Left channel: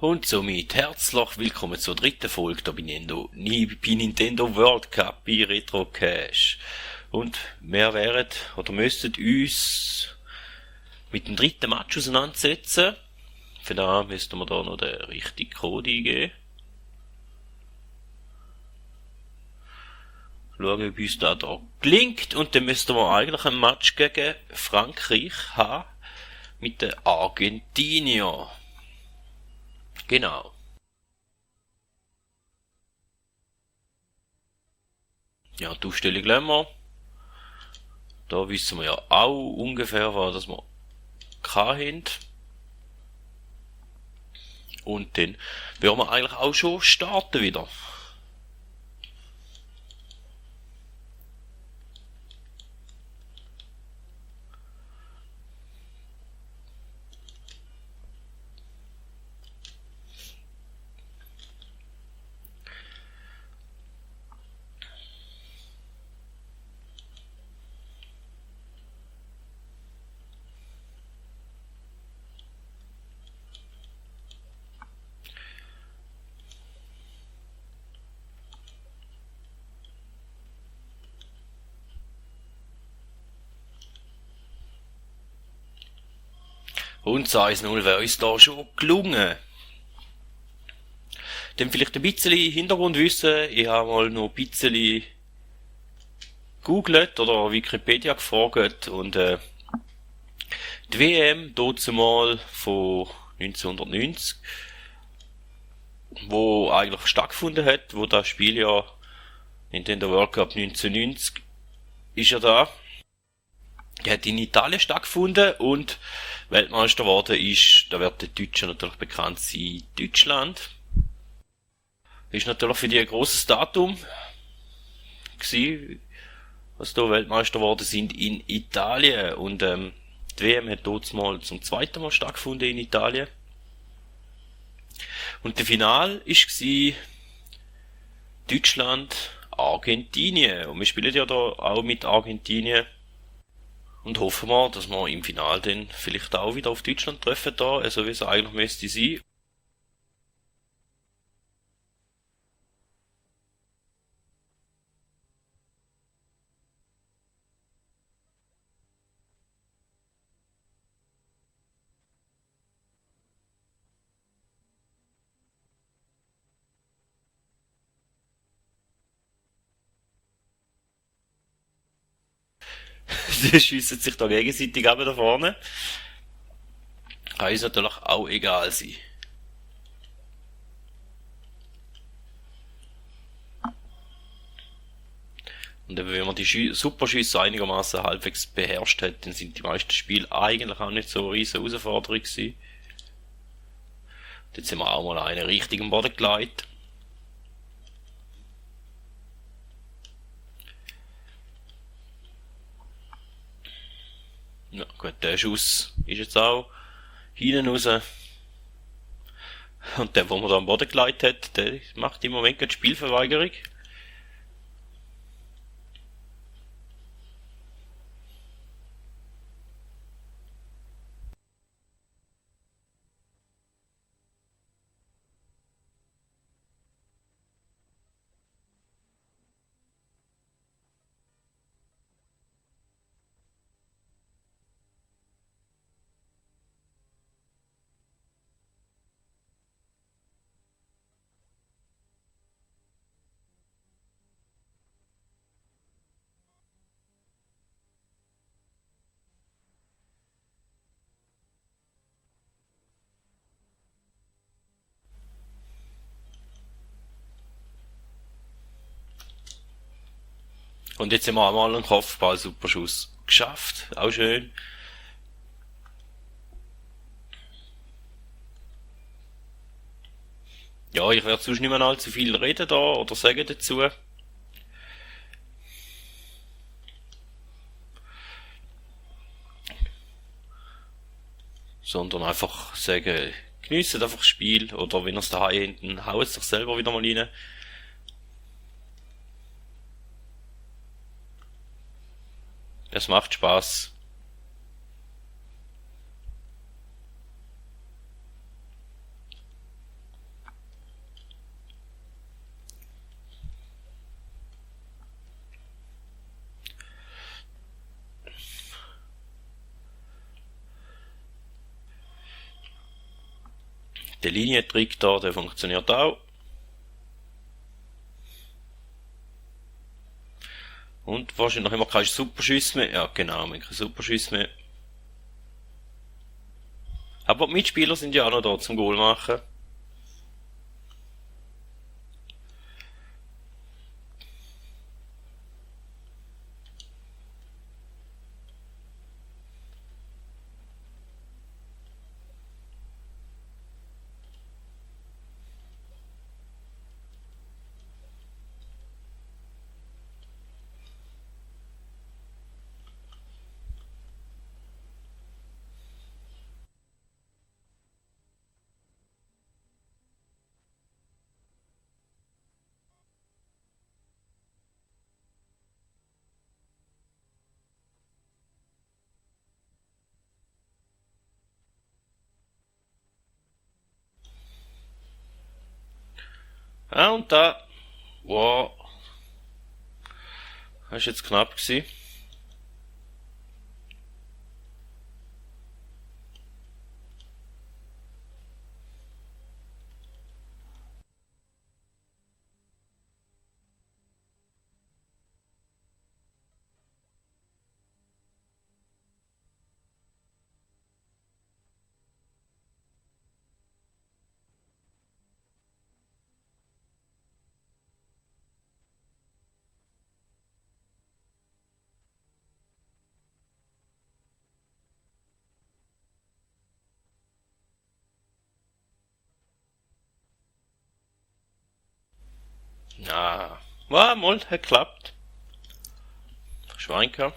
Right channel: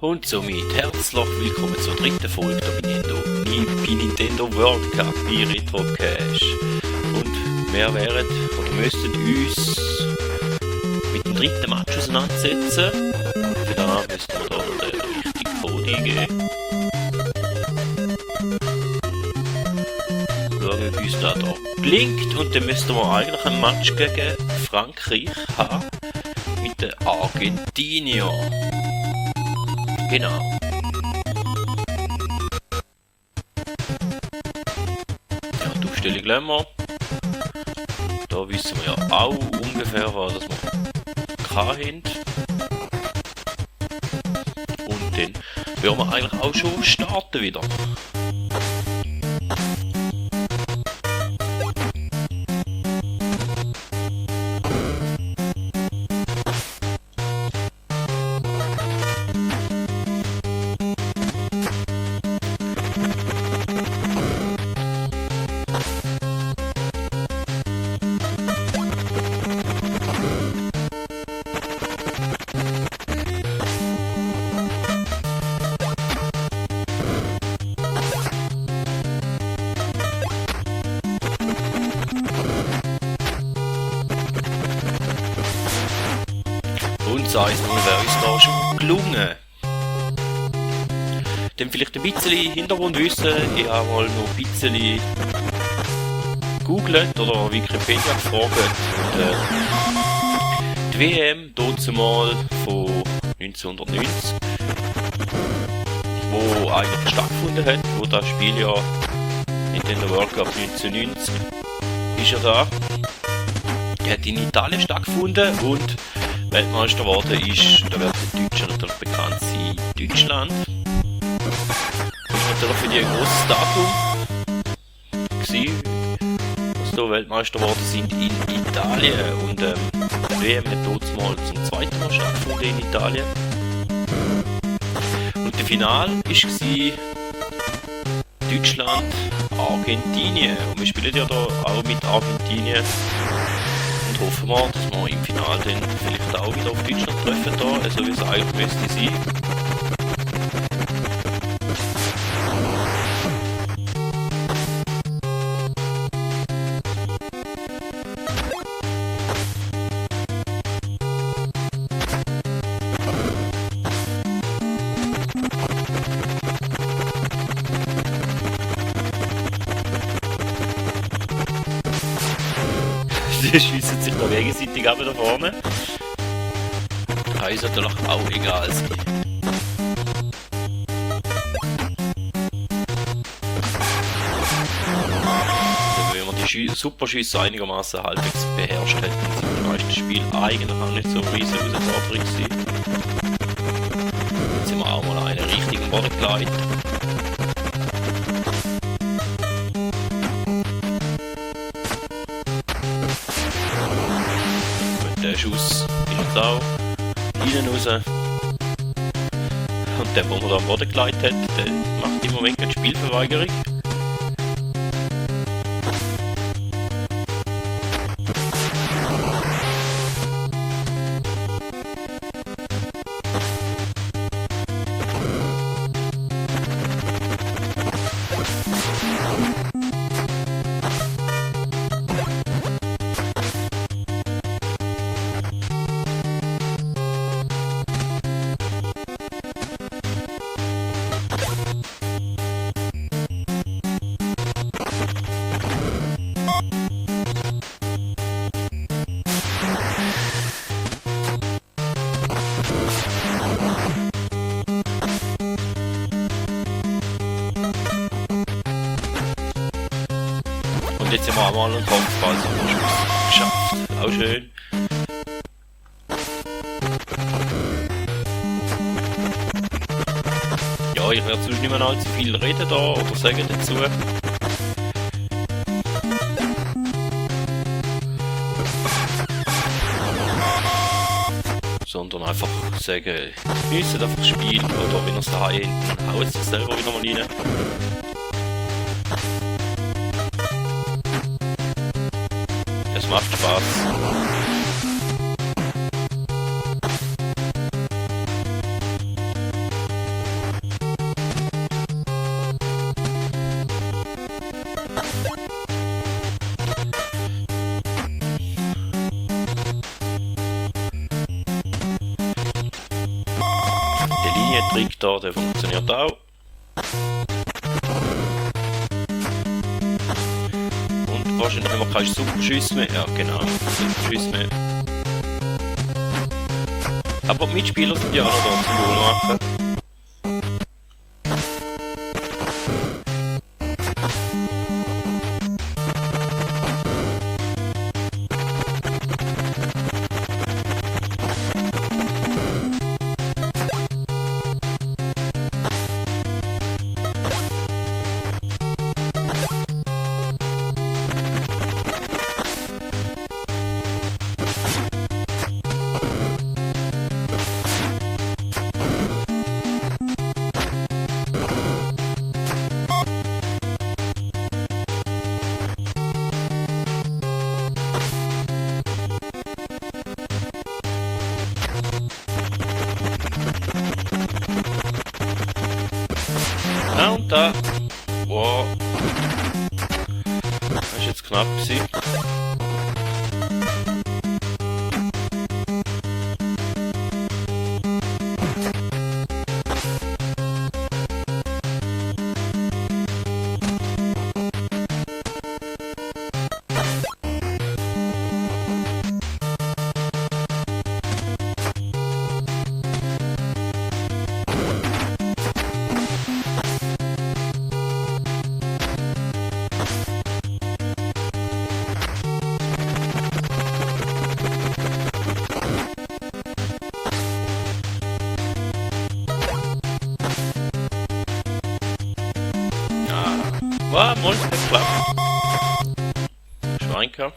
Und somit herzlich willkommen zur dritten Folge der bei Nintendo World Cup bei Retro Cash. Und wir wären oder müssten uns mit dem dritten Match auseinandersetzen. Für das müssten wir da noch den richtigen Code eingeben. Schauen, ob uns da gelingt. Und dann müssten wir eigentlich ein Match gegen Frankreich haben. Mit den Argentinier. Genau. Ja, die Aufstellung lassen wir. Da wissen wir ja auch ungefähr, was wir haben. Und dann werden wir eigentlich auch schon starten wieder. Und 1-0 wäre uns da schon gelungen. Dann vielleicht ein bisschen Hintergrundwissen. Ich habe mal noch ein bisschen googelt oder Wikipedia gefragt. Und die WM dazumal von 1990, wo eigentlich stattgefunden hat, wo das Spiel ja Nintendo World Cup 1990 ist ja da. Die hat in Italien stattgefunden und Weltmeister geworden ist, da wird der Deutsche natürlich bekannt sein, Deutschland. Ist natürlich für die ein grosses Datum gewesen, dass da Weltmeister geworden sind in Italien. Und die WM hat dort mal zum zweiten Mal stattgefunden in Italien. Und der Finale war Deutschland, Argentinien. Und wir spielen ja da auch mit Argentinien. Und hoffen wir, dass wir im Finale dann vielleicht auch wieder auf Deutschland treffen, da, so wie es eigentlich müsste sein. Die schiessen sich da gegenseitig ab da vorne. Kann uns natürlich auch egal sein. Und wenn man die Superschüsse einigermaßen halbwegs beherrscht hat, dann sind die meisten Spiele eigentlich auch nicht so eine riesige Herausforderung gewesen. Jetzt sind wir auch mal einen richtigen Boden geleitet. Der Schuss ist jetzt auch hinten raus. Und der, wo man da am Boden geleitet hat, der macht im Moment keine Spielverweigerung. Und jetzt haben wir einmal einen Kopfball-Superschuss geschafft. Auch schön. Ja, ich werde sonst nicht mehr allzu viel reden da oder sagen dazu. Sondern einfach sagen, geniessen einfach das Spiel oder wenn ihr es daheim hinten, haut es sich selber wieder mal rein. Es macht Spaß. der Linientrick da, der funktioniert auch. Und wahrscheinlich haben wir keine Superschüsse mehr. Ja genau, keine Superschüsse mehr. Aber die Mitspieler sind ja auch noch da zum Goal machen. Ah, und da. Wow. Das ist jetzt knapp gewesen. Ah, war mal geklappt. Schweinker.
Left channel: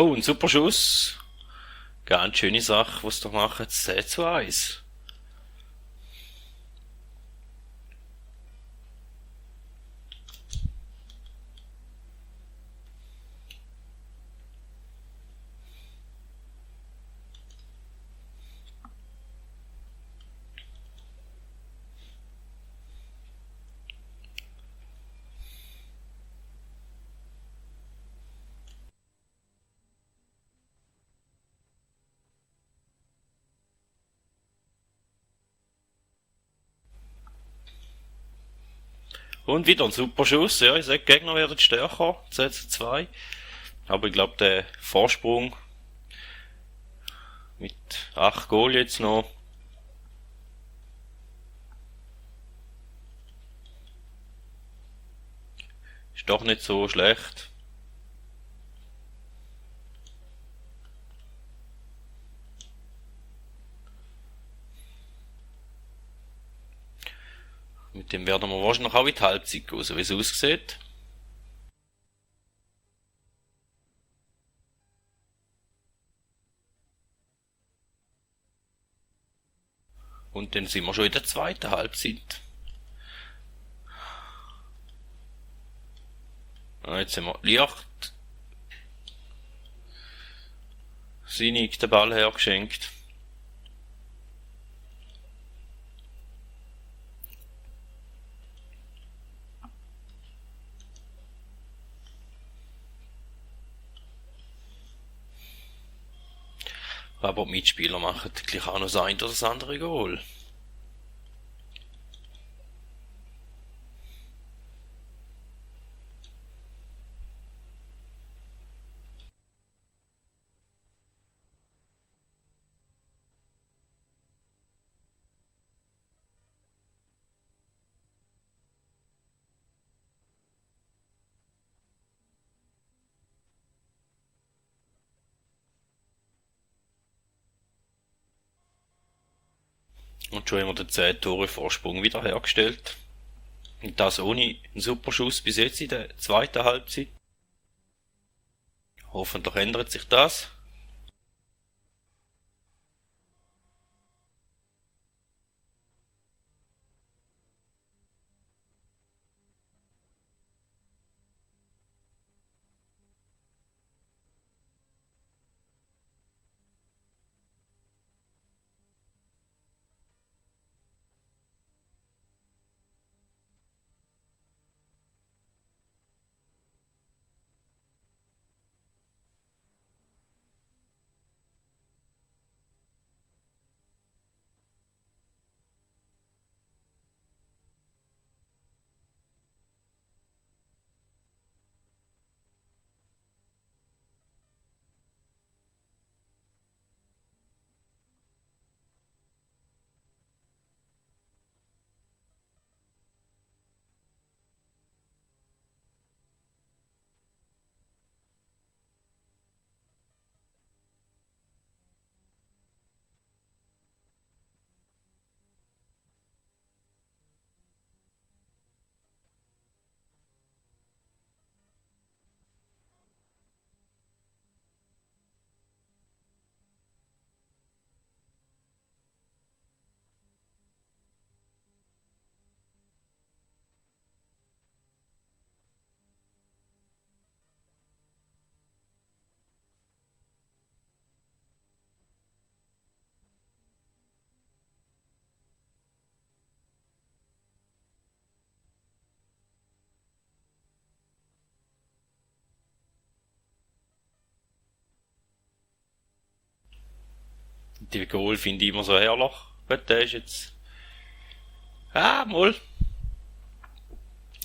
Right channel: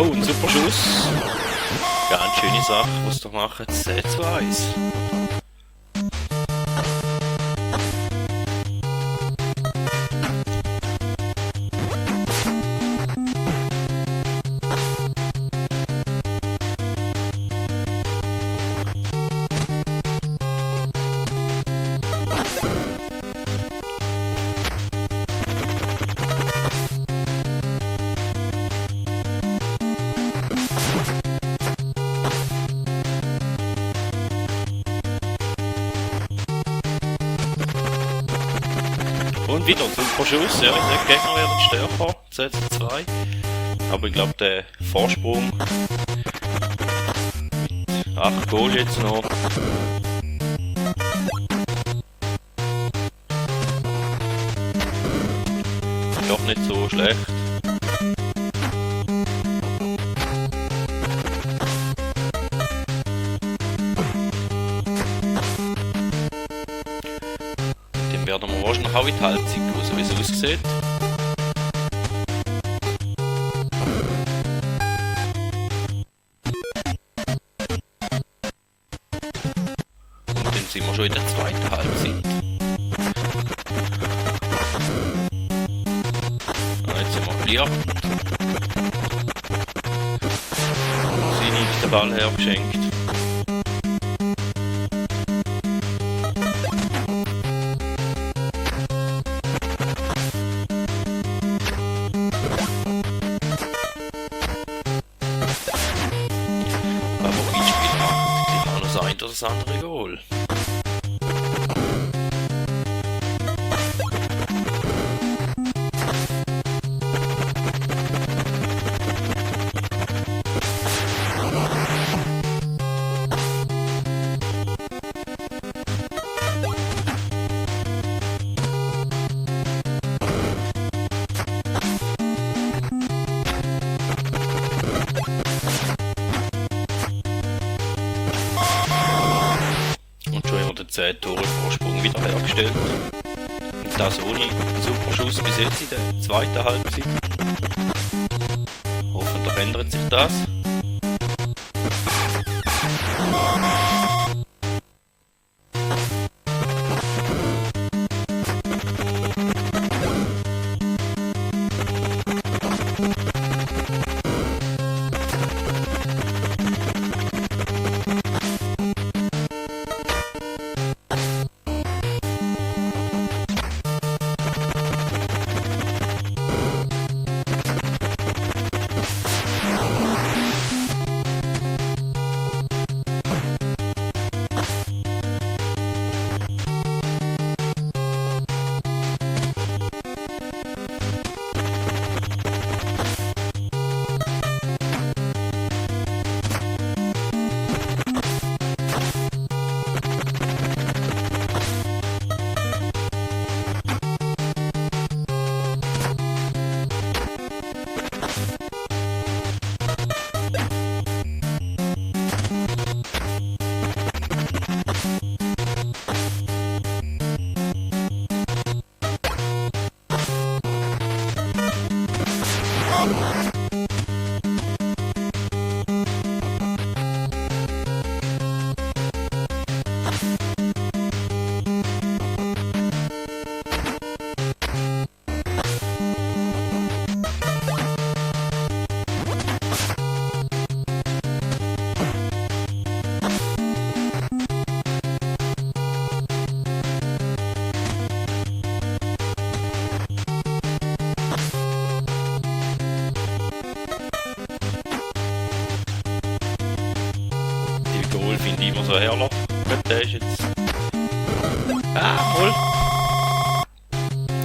Oh, ein super Schuss. Ganz schöne Sache, was wir machen. 10:1. Und wieder ein super Schuss, ja, ich sag, die Gegner werden stärker, 10:2. Aber ich glaube, der Vorsprung mit 8 Goal jetzt noch. Ist doch nicht so schlecht. Dann werden wir wahrscheinlich auch in die Halbzeit gehen, so wie es aussieht. Und dann sind wir schon in der zweiten Halbzeit. Jetzt sind wir Licht. Sinnig den Ball hergeschenkt. Aber Mitspieler machen gleich auch noch das eine oder das andere Goal. Und schon haben wir den 10 Tore Vorsprung wieder hergestellt. Und das ohne einen super Schuss bis jetzt in der zweiten Halbzeit. Hoffentlich ändert sich das. Die Goal finde ich immer so herrlich. Gut, der ist jetzt... Ah, wohl.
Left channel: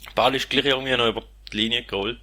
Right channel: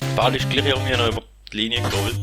Der Ball ist gleich irgendwie noch über die Linie gerollt.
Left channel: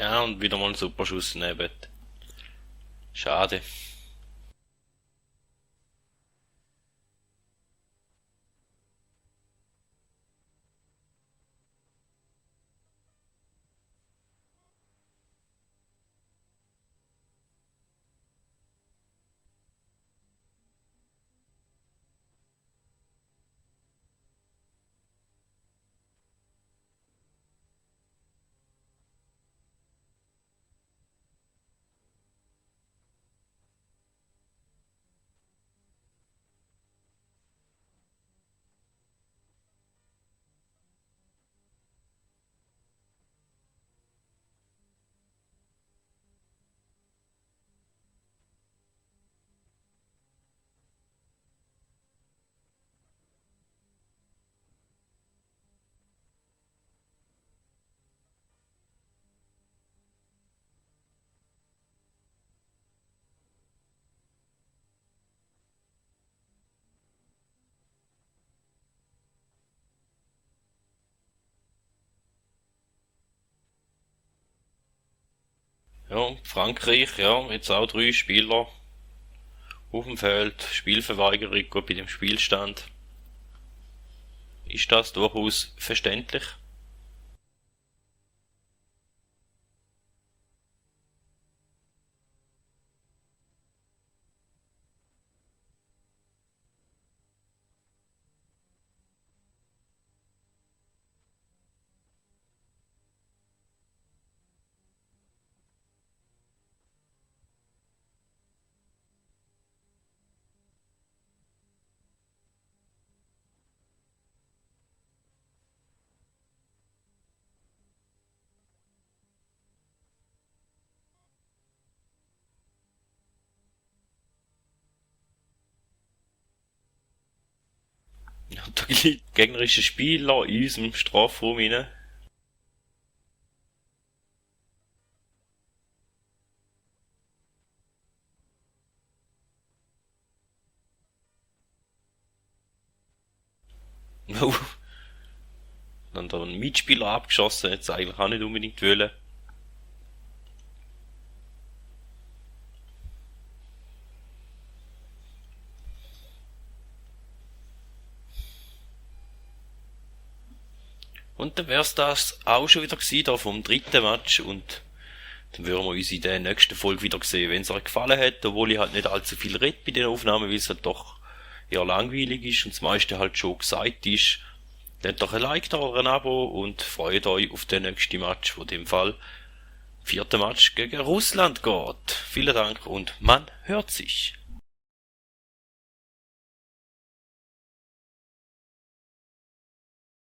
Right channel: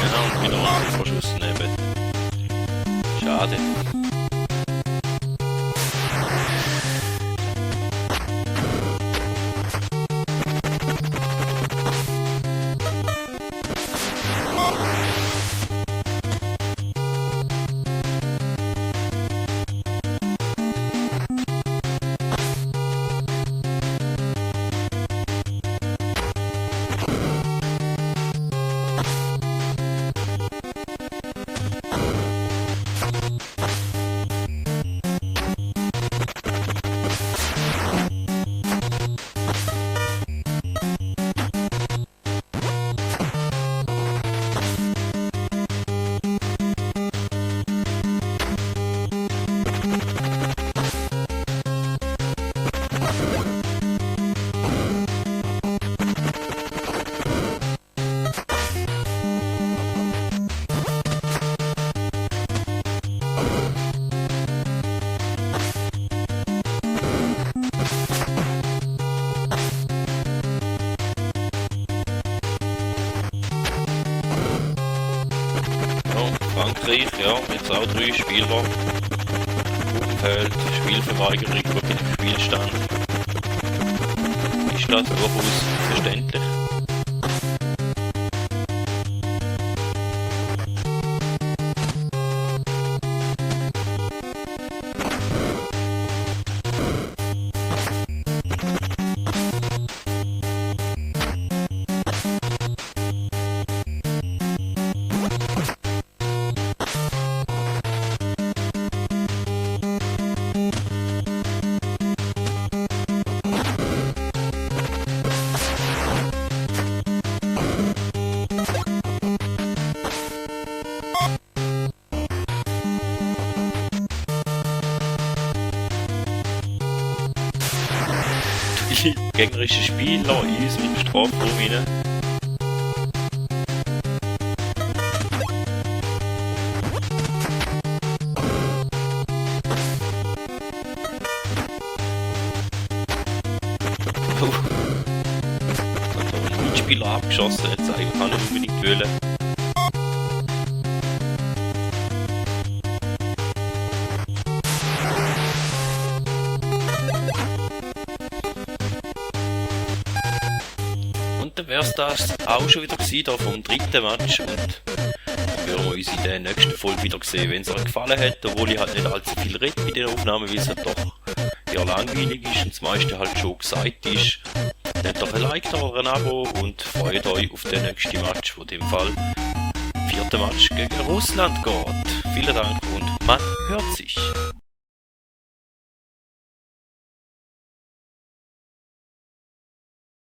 Ja, und wieder mal so Verschuss neben. Schade. Ja, Frankreich, ja, jetzt auch 3 Spieler auf dem Feld, Spielverweigerung bei dem Spielstand. Ist das durchaus verständlich? Gegnerische Spieler in unserem Strafraum rein. Oh. Dann da einen Mitspieler abgeschossen, jetzt eigentlich auch nicht unbedingt wollen. Und dann wär's das auch schon wieder gewesen, da vom 3. Match, und dann würden wir uns in der nächsten Folge wieder sehen. Wenn es euch gefallen hat, obwohl ich halt nicht allzu viel rede bei den Aufnahmen, weil es halt doch eher langweilig ist und das meiste halt schon gesagt ist, dann doch ein Like da oder ein Abo und freut euch auf den nächsten Match, wo in dem Fall 4. Match gegen Russland geht. Vielen Dank und man hört sich.